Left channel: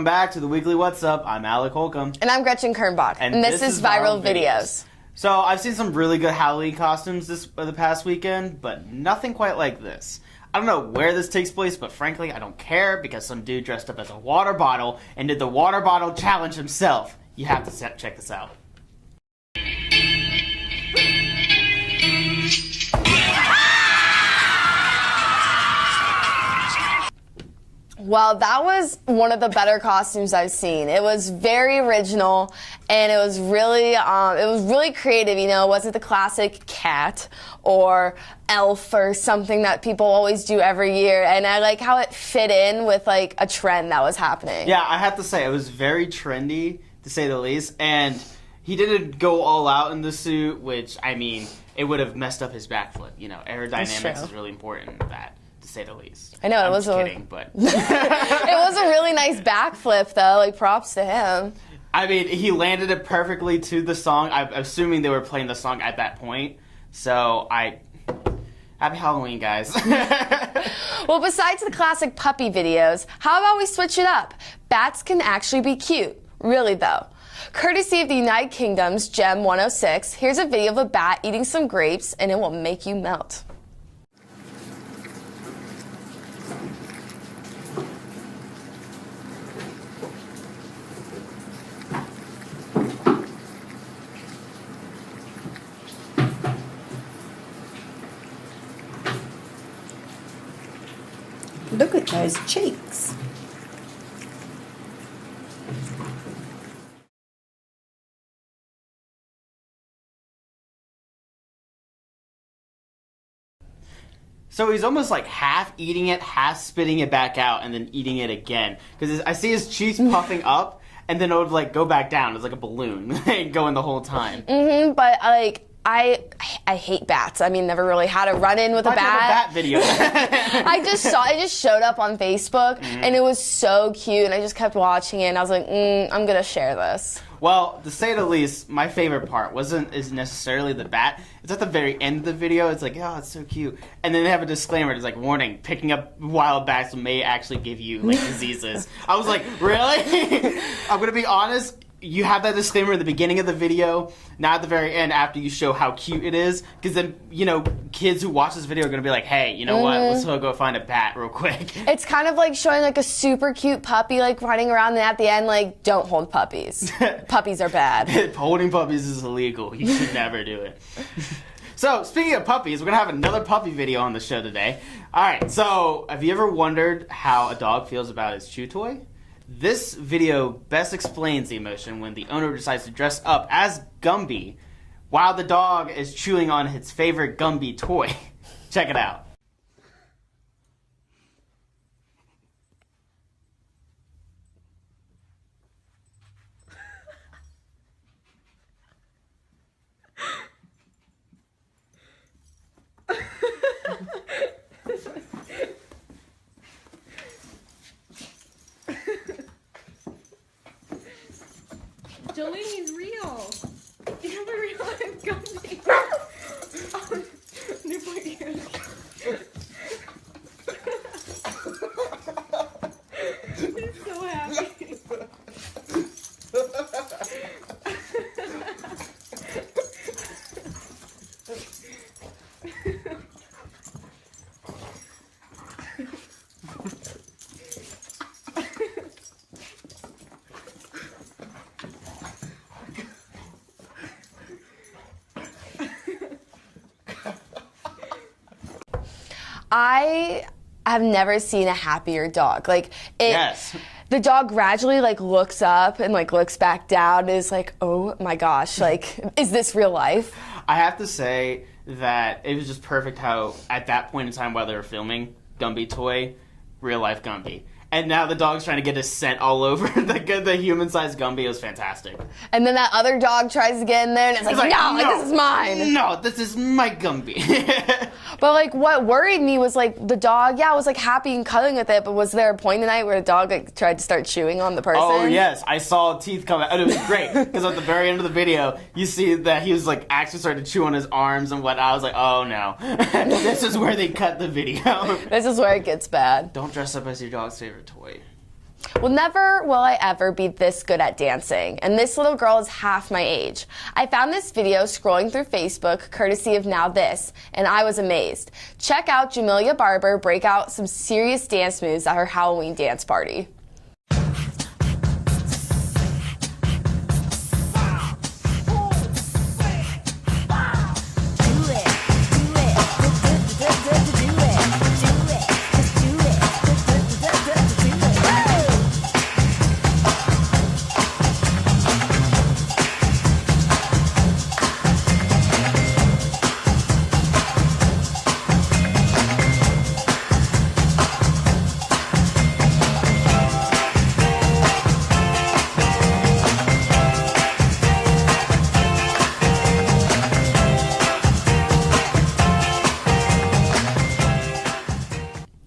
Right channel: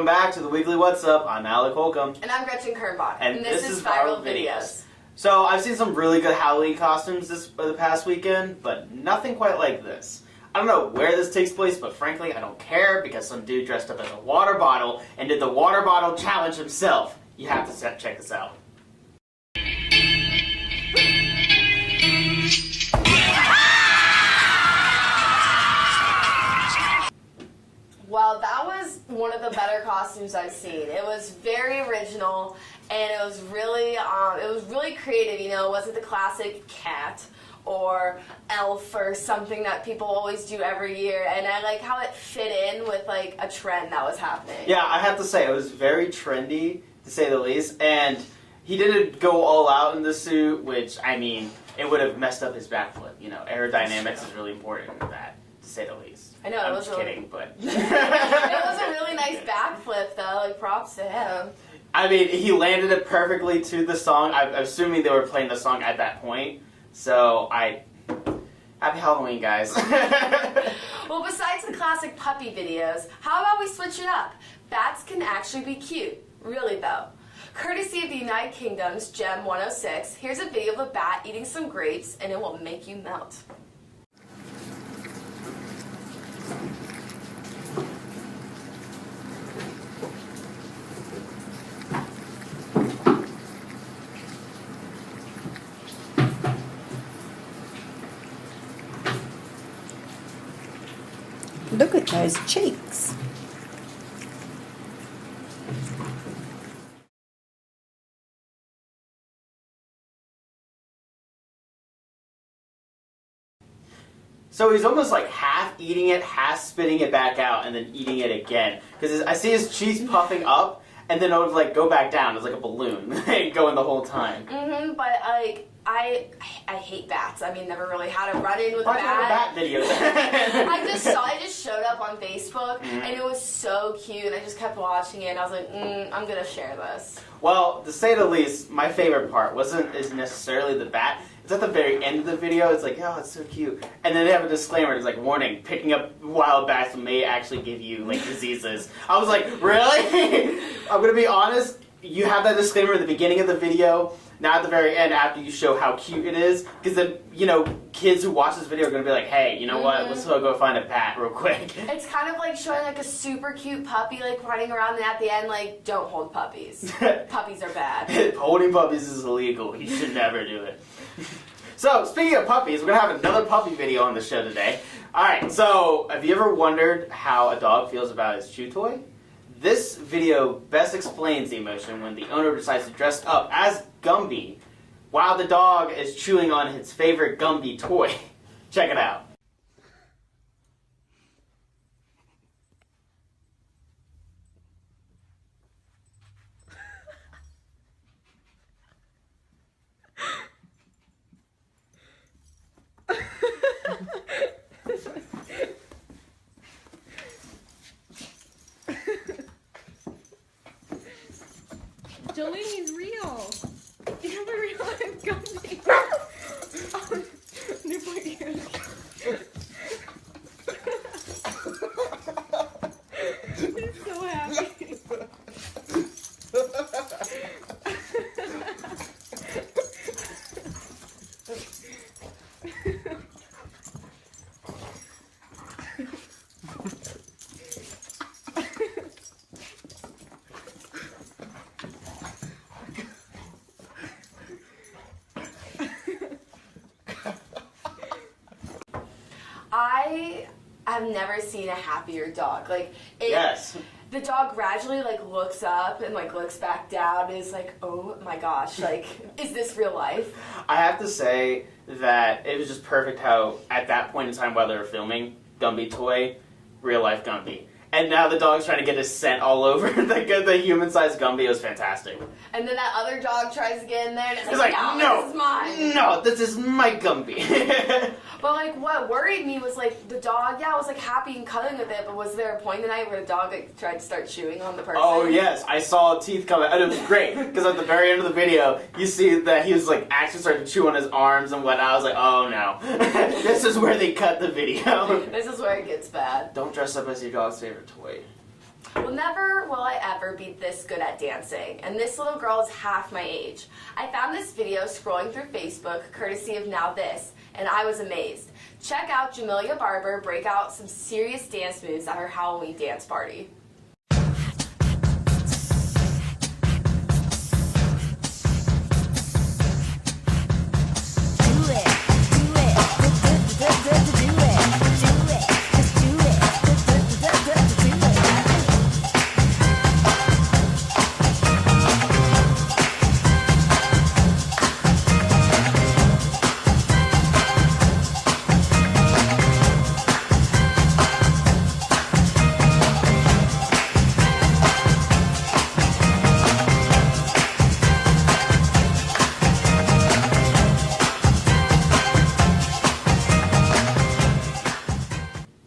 Welcome back to the Weekly What's Up. I'm Alec Holcomb. And I'm Gretchen Kernbach. And this is Viral Videos. So I've seen some really good Halloween costumes the past weekend, but nothing quite like this. I don't know where this takes place, but frankly, I don't care because some dude dressed up as a water bottle and did the water bottle challenge himself. You have to check this out. Well, that was one of the better costumes I've seen. It was very original, and it was really creative. You know, it wasn't the classic cat or elf or something that people always do every year. And I like how it fit in with like a trend that was happening. Yeah, I have to say it was very trendy to say the least, and he didn't go all out in the suit, which I mean, it would have messed up his backflip. You know, aerodynamics is really important in that, to say the least. I know, I'm just kidding, but it was a really nice backflip, though. Like, props to him. I mean, he landed it perfectly to the song. I'm assuming they were playing the song at that point. So, happy Halloween, guys. Well, besides the classic puppy videos, how about we switch it up? Bats can actually be cute. Really, though. Courtesy of the United Kingdom's Gem 106, here's a video of a bat eating some grapes, and it will make you melt. Look at those cheeks. So he's almost like half eating it, half spitting it back out, and then eating it again. Because I see his cheeks puffing up, and then it would like go back down. It's like a balloon going the whole time. But like, I hate bats. I mean, never really had a run-in with a bat. Bat video. I just showed up on Facebook, and it was so cute, and I just kept watching it, and I was like, I'm gonna share this. Well, to say the least, my favorite part wasn't necessarily the bat. It's at the very end of the video. It's like, oh, it's so cute. And then they have a disclaimer. It's like, warning, picking up wild bats may actually give you like diseases. I was like, really? I'm gonna be honest. You have that disclaimer at the beginning of the video, not at the very end after you show how cute it is. Because then, you know, kids who watch this video are going to be like, hey, you know what, let's go find a bat real quick. It's kind of like showing like a super cute puppy like running around, and at the end, like, don't hold puppies. Puppies are bad. Holding puppies is illegal. You should never do it. So, speaking of puppies, we're going to have another puppy video on the show today. Alright, so have you ever wondered how a dog feels about his chew toy? This video best explains the emotion when the owner decides to dress up as Gumby while the dog is chewing on his favorite Gumby toy. Check it out. Jolene's real. You have a real life Gumby. New point. He's so happy. I have never seen a happier dog. Like, Yes. the dog gradually like looks up and like looks back down and is like, oh my gosh, like, is this real life? I have to say that it was just perfect how, at that point in time while they were filming, Gumby toy, real life Gumby. And now the dog's trying to get his scent all over the human-sized Gumby. It was fantastic. And then that other dog tries to get in there and it's like, no, this is mine. No, this is my Gumby. But like what worried me was like the dog, was like happy and cuddling with it, but was there a point in the night where the dog like tried to start chewing on the person? Oh yes, I saw teeth come out. And it was great because at the very end of the video, you see that he was like actually starting to chew on his arms and whatnot. I was like, oh no, this is where they cut the video. This is where it gets bad. Don't dress up as your dog's favorite toy. Well, never will I ever be this good at dancing, and this little girl is half my age. I found this video scrolling through Facebook, courtesy of Now This, and I was amazed. Check out Jamelia Barber break out some serious dance moves at her Halloween dance party.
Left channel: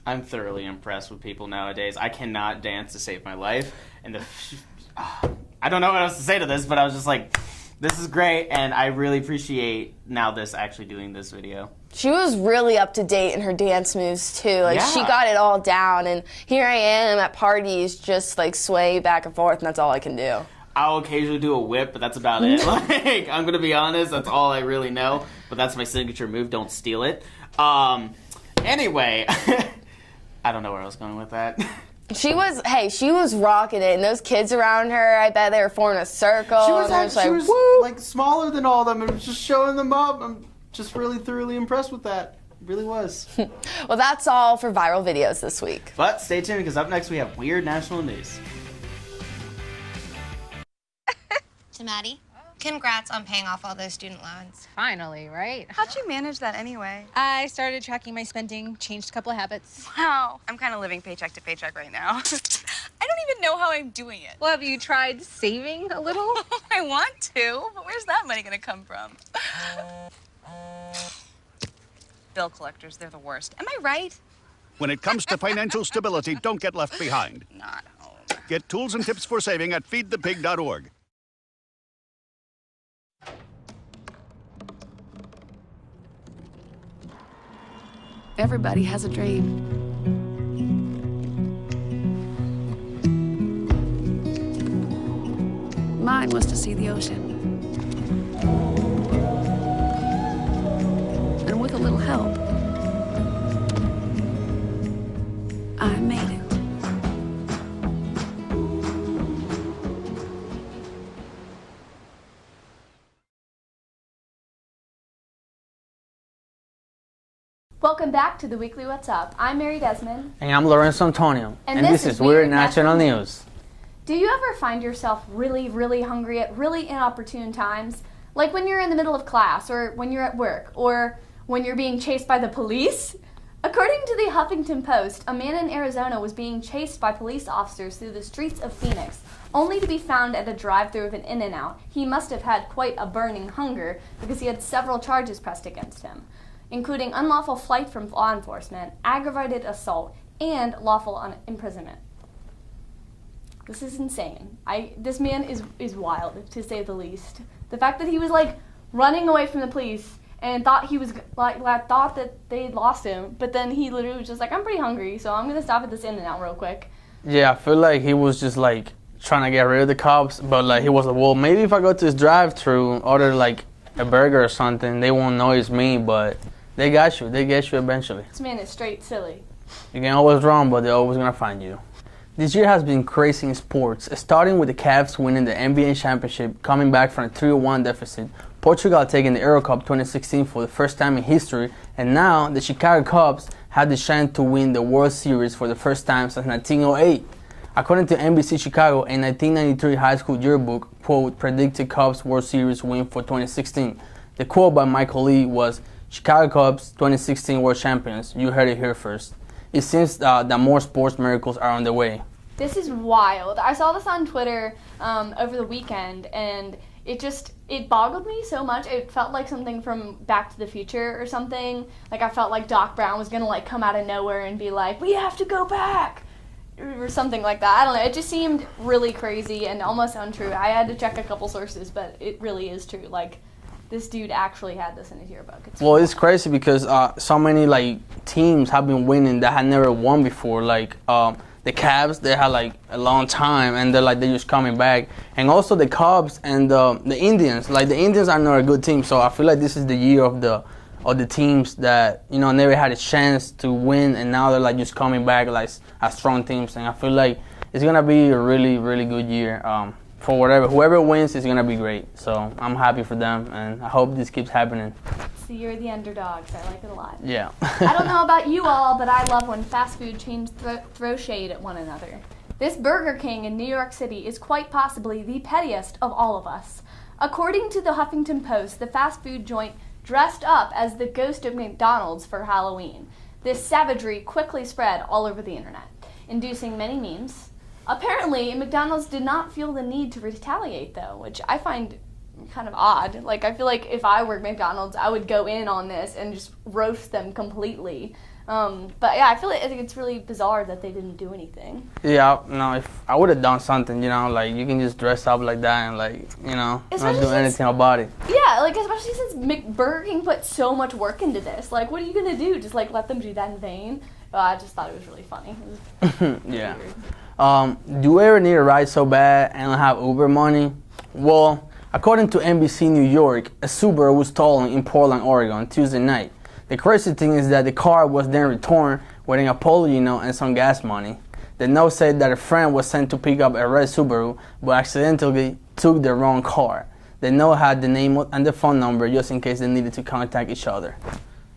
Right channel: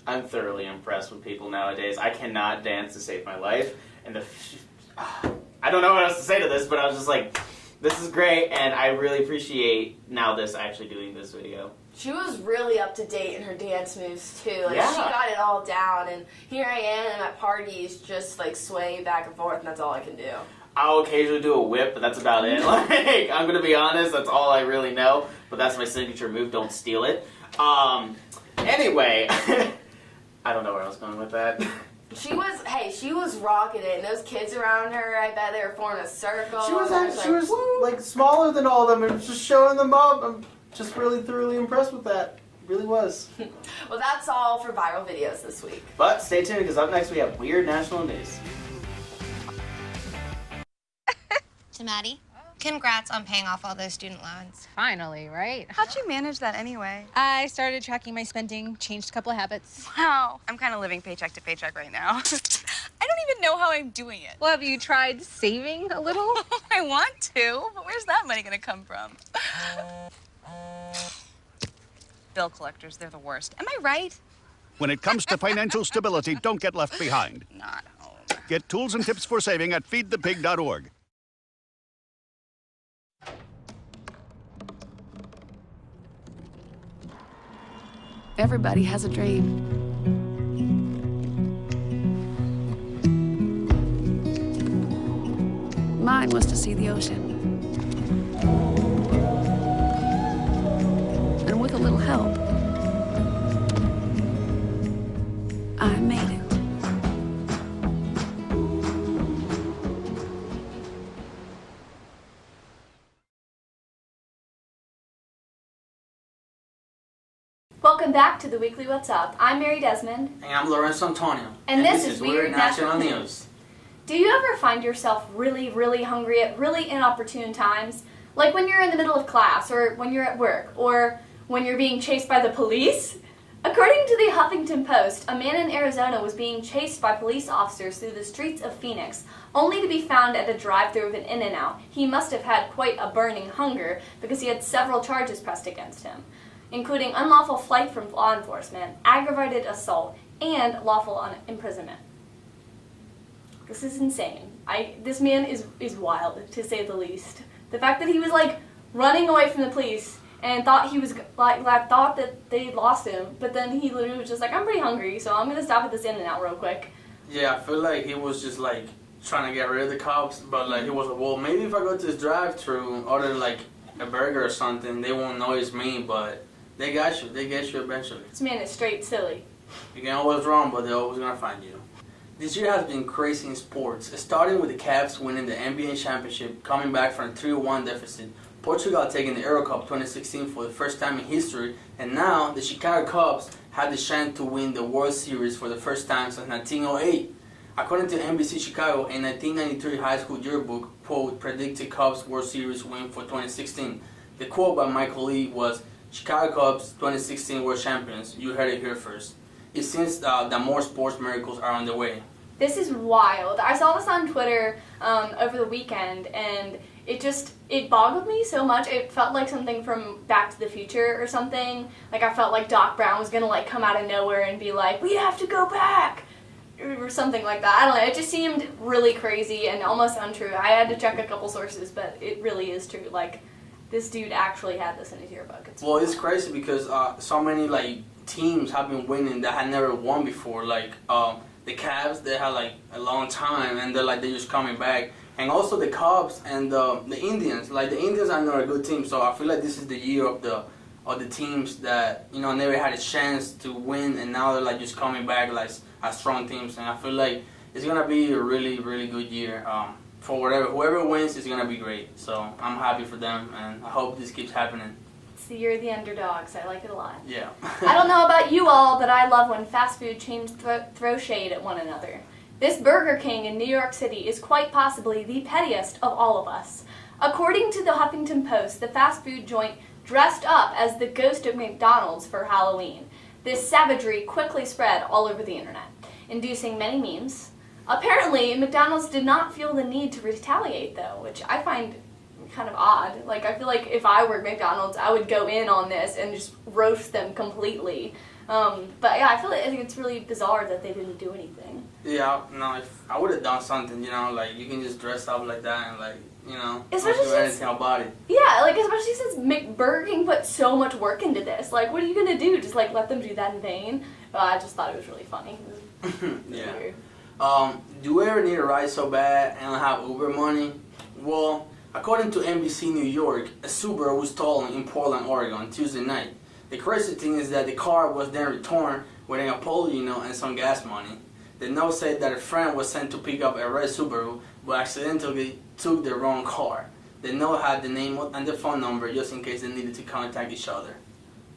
I'm thoroughly impressed with people nowadays. I cannot dance to save my life, and I don't know what else to say to this, but I was just like, this is great, and I really appreciate Now This actually doing this video. She was really up to date in her dance moves too. Like Yeah. she got it all down, and here I am at parties just like swaying back and forth, and that's all I can do. I'll occasionally do a whip, but that's about it. Like, I'm gonna be honest, that's all I really know. But that's my signature move. Don't steal it. Anyway, I don't know where I was going with that. She was rocking it, and those kids around her, I bet they were forming a circle. She was, and they were like smaller than all of them, and was just showing them up. I'm just really thoroughly impressed with that. Really was. Well, that's all for viral videos this week. But stay tuned, because up next we have Weird National News. To Maddie, congrats on paying off all those student loans. Finally, right? How'd you manage that anyway? I started tracking my spending, changed a couple of habits. Wow, I'm kind of living paycheck to paycheck right now. I don't even know how I'm doing it. Well, have you tried saving a little? I want to, but where's that money gonna come from? Bill collectors, they're the worst. Am I right? When it comes to financial stability, don't get left behind. Not home. Get tools and tips for saving at feedthepig.org. Everybody has a dream. Mine was to see the ocean. And with a little help, I made it. Welcome back to the Weekly What's Up. I'm Mary Desmond. And I'm Lorenzo Antonio. And this is Weird National News. Do you ever find yourself really, really hungry at really inopportune times? Like when you're in the middle of class, or when you're at work, or when you're being chased by the police? According to the Huffington Post, a man in Arizona was being chased by police officers through the streets of Phoenix, only to be found at a drive-thru of an In-N-Out. He must have had quite a burning hunger because he had several charges pressed against him, including unlawful flight from law enforcement, aggravated assault, and lawful imprisonment. This is insane. This man is wild, to say the least. The fact that he was like running away from the police and thought he was thought that they lost him, but then he literally was just like, I'm pretty hungry, so I'm gonna stop at this In-N-Out real quick. Yeah, I feel like he was just like trying to get rid of the cops, but like he was like, well, maybe if I go to this drive-thru, order like a burger or something, they won't know it's me, but they got you. They get you eventually. This man is straight silly. You can always run, but they're always gonna find you. This year has been crazy in sports, starting with the Cavs winning the NBA championship, coming back from a 3-1 deficit, Portugal taking the Euro Cup 2016 for the first time in history, and now the Chicago Cubs had the chance to win the World Series for the first time since 1908. According to NBC Chicago, a 1993 high school yearbook, quote, predicted Cubs World Series win for 2016. The quote by Michael Lee was, Chicago Cubs 2016 World Champions. You heard it here first. It seems that more sports miracles are on the way. This is wild. I saw this on Twitter over the weekend, and it boggled me so much. It felt like something from Back to the Future or something. Like I felt like Doc Brown was gonna like come out of nowhere and be like, we have to go back, or something like that. I don't know. It just seemed really crazy and almost untrue. I had to check a couple sources, but it really is true. Like, this dude actually had this in his yearbook. Well, it's crazy because so many like teams have been winning that had never won before. Like the Cavs, they had like a long time, and they're just coming back. And also the Cubs and the Indians. Like the Indians are not a good team, so I feel like this is the year of the teams that never had a chance to win, and now they're like just coming back like as strong teams. And I feel like it's gonna be a really, really good year. For whoever wins is gonna be great. So I'm happy for them, and I hope this keeps happening. So you're the underdogs. I like it a lot. Yeah. I don't know about you all, but I love when fast food chains throw shade at one another. This Burger King in New York City is quite possibly the pettiest of all of us. According to the Huffington Post, the fast food joint dressed up as the ghost of McDonald's for Halloween. This savagery quickly spread all over the internet, inducing many memes. Apparently, McDonald's did not feel the need to retaliate, though, which I find kind of odd. Like, I feel like if I were McDonald's, I would go in on this and just roast them completely. But yeah, I feel like it's really bizarre that they didn't do anything. Yeah, no, if I would have done something, like you can just dress up like that and not do anything about it. Yeah, like especially since Burger King put so much work into this. Like, what are you gonna do? Just let them do that in vain? I just thought it was really funny. Yeah. Do you ever need a ride so bad and don't have Uber money? Well, according to NBC New York, a Subaru was stolen in Portland, Oregon, Tuesday night. The crazy thing is that the car was then returned with an apology note and some gas money. The note said that a friend was sent to pick up a red Subaru, but accidentally took the wrong car. The note had the name and the phone number just in case they needed to contact each other.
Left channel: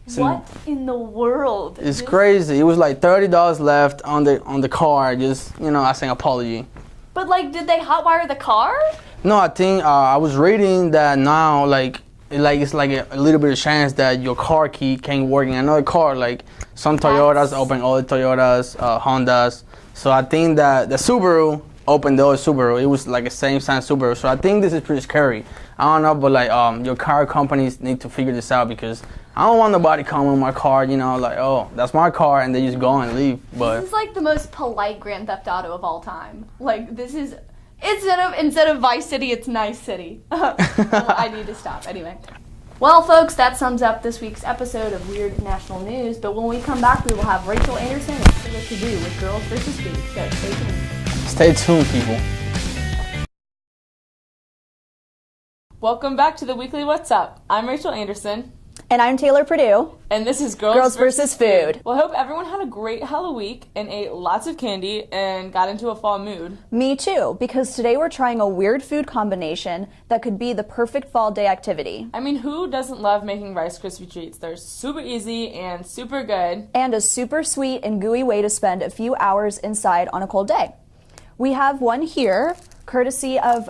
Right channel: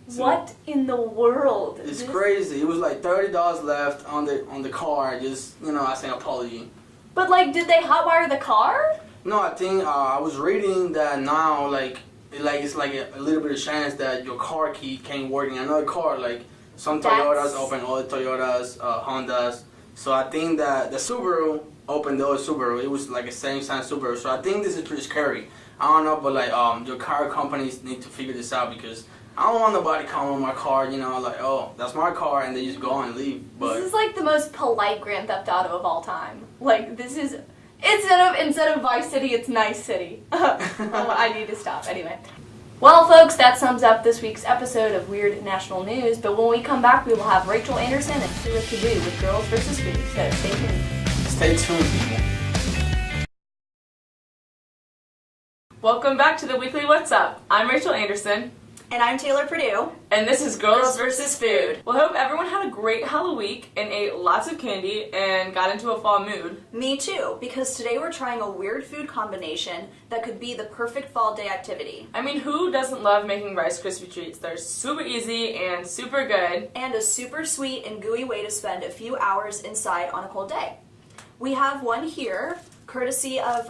So what in the world? It's crazy. It was like $30 left on the car, just as an apology. But did they hotwire the car? No, I think I was reading that now it's like a little bit of chance that your car key can't work in another car. Like some Toyotas open other Toyotas, Hondas. So I think that the Subaru opened the other Subaru. It was like a same size Subaru. So I think this is pretty scary. I don't know, but your car companies need to figure this out because I don't want nobody coming in my car, oh, that's my car, and they just go and leave. But this is like the most polite Grand Theft Auto of all time. Like this is instead of Vice City, it's Nice City. I need to stop. Anyway. Well, folks, that sums up this week's episode of Weird National News. But when we come back, we will have Rachel Anderson and Sheila Kazoo with Girls vs. Food. So stay tuned. Stay tuned, people. Welcome back to the weekly What's Up. I'm Rachel Anderson. And I'm Taylor Purdue. And this is Girls vs. Food. Well, I hope everyone had a great Halloween and ate lots of candy and got into a fall mood. Me too, because today we're trying a weird food combination that could be the perfect fall day activity. I mean, who doesn't love making Rice Krispie treats? They're super easy and super good. And a super sweet and gooey way to spend a few hours inside on a cold day. We have one here, courtesy of,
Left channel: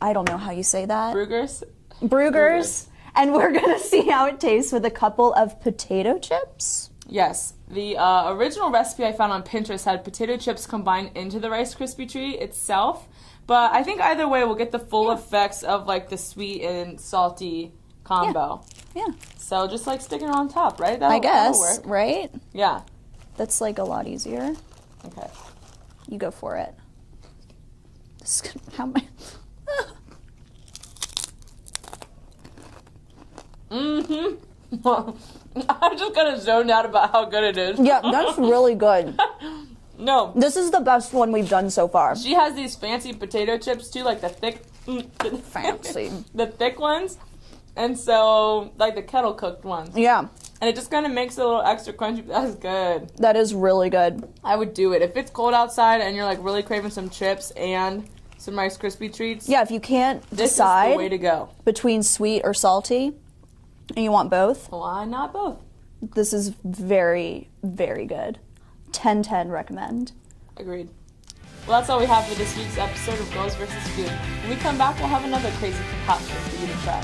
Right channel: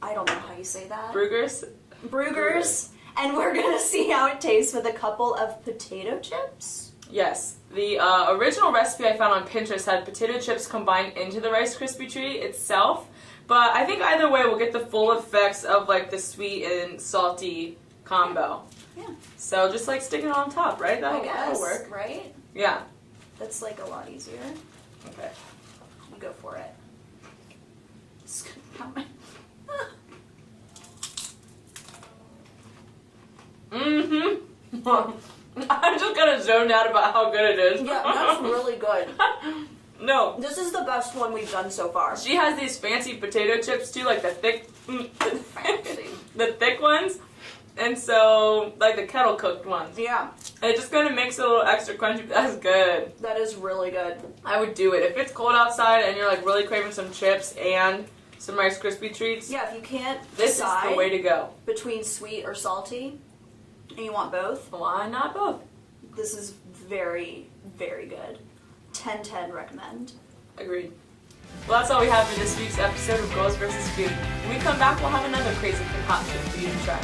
I don't know how you say that. Bruegger's. And we're going to see how it tastes with a couple of potato chips. Yes. The original recipe I found on Pinterest had potato chips combined into the Rice Krispie treat itself. But I think either way we'll get the full effects of the sweet and salty combo. Yeah. So just stick it on top, right? I guess, that'll work. right? Yeah. That's a lot easier. Okay. You go for it. I'm just kind of zoned out about how good it is. Yeah, that's really good. No. This is the best one we've done so far. She has these fancy potato chips too, the thick... Fancy. The thick ones. And so, the kettle cooked ones. Yeah. And it just kind of makes it a little extra crunchy. That's good. That is really good. I would do it. If it's cold outside and you're really craving some chips and some Rice Krispie treats. Yeah, if you can't this decide is the way to go. Between sweet or salty, and you want both, why not both? This is very, very good. 10/10 recommend. Agreed. Well, that's all we have for this week's episode of Girls vs. Food. When we come back, we'll have another crazy concoction for you to try.